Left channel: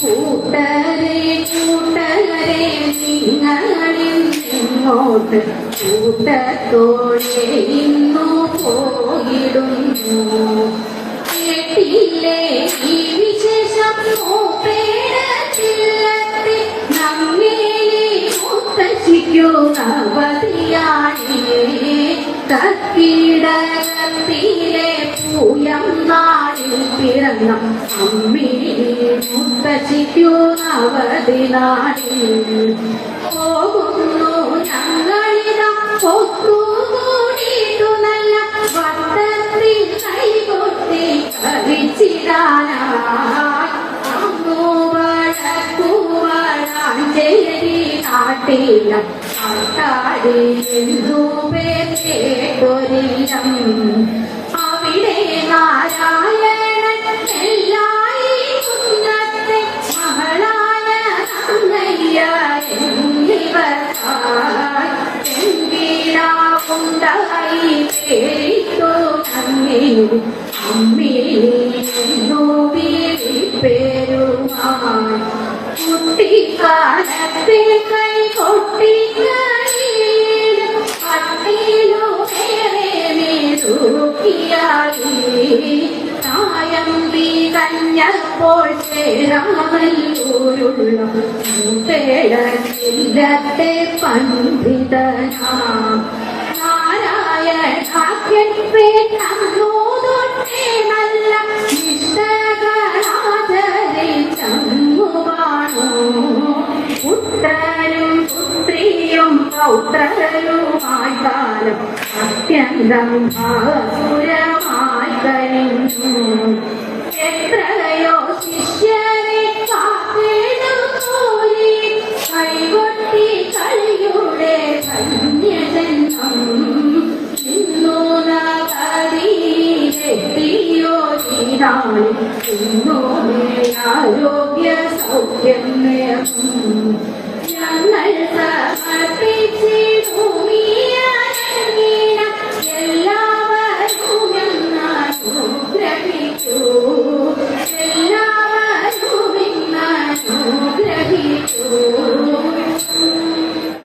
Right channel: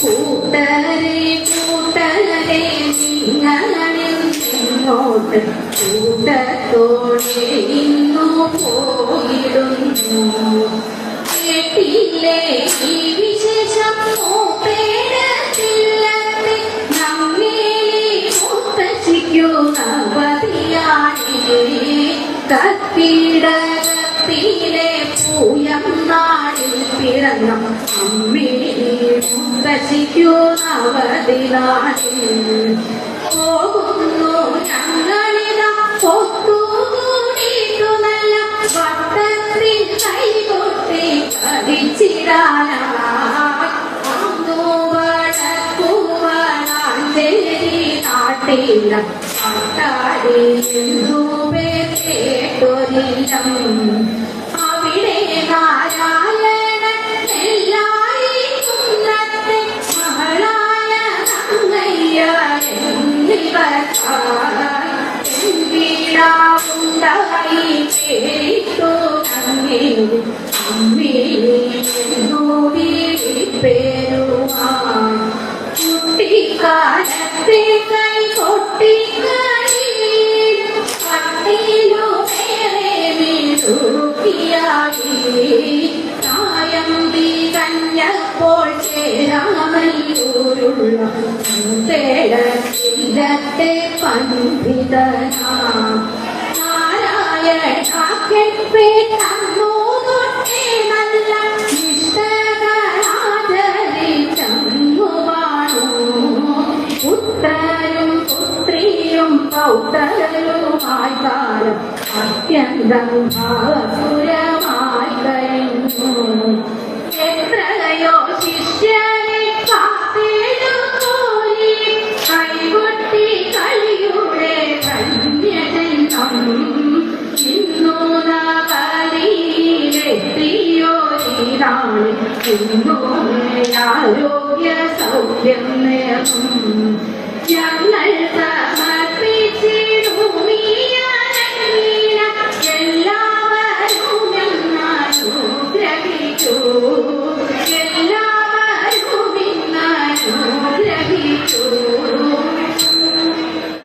കൂട്ടരെ കൂട്ടരെ നിങ്ങളെങ്ങോട്ട് കൂട്ടത്തോടെ ഇന്നു പോയിടുന്നു. കേട്ടില്ലേ ഈ വിശേഷം പേടത്തില്ലത്തെ നമ്മേലി മുത്തശ്ശിക്കു അവധിയാണേ. കത്തിടത്തിലെ പൂയം നാളിൽ പിറന്ന അമ്മേലി മുത്തശ്ശിക്കു അവധിയാണേ. പോകുന്നു ഞങ്ങളിതാ ഒത്തുകൂടിയിട്ടു നല്ല വട്ടത്തിൽ കൈകൊട്ടി കളിച്ചിടാനാ. അന്നു വടക്കുവളാഞ്ചേരി നാട്ടില കേട്ടൊരില്ലം. അവിടെ നാരായണൻ എല്ലായി കുന്നത്തെ മകളായ തങ്കയ്യ എന്നിവരായി കേട്ടു നമ്മേലി അമ്മേലിന്നു വിളിപ്പേരുമാൻ. കുട്ടിക്കാലത്തെ കൈ കൊട്ടിക്കളി കട്ടിലു വേറെ തൂക്കിയായി. തായന്തി കഞ്ഞപ്പോൾ ചേരാമല്ലൂരുള്ള ചില്ലത്തെ പണ്ഡിതനാം നാരായണാഖ്യൻ പേട്ടു തൊട്ടേ നല്ല നിഷ്ഠകളാദരി ചമ്മുവാണു. പുത്രനും പുത്രിയും പൗത്രരുമായി കാലം അത്യന്തം ഭാസുരമായി കഴിഞ്ഞു. എത്രയോ ശിഷ്യരെ കാത്തേടുപോയി കൈകൊട്ടി കളിയുടെ ധന്യജന്മം. ഇന്നു നവതിയിലെത്തിയോ നീരാളി ഇന്നു ആരോഗ്യ സൗഖ്യം നേർന്നു. ഞങ്ങൾ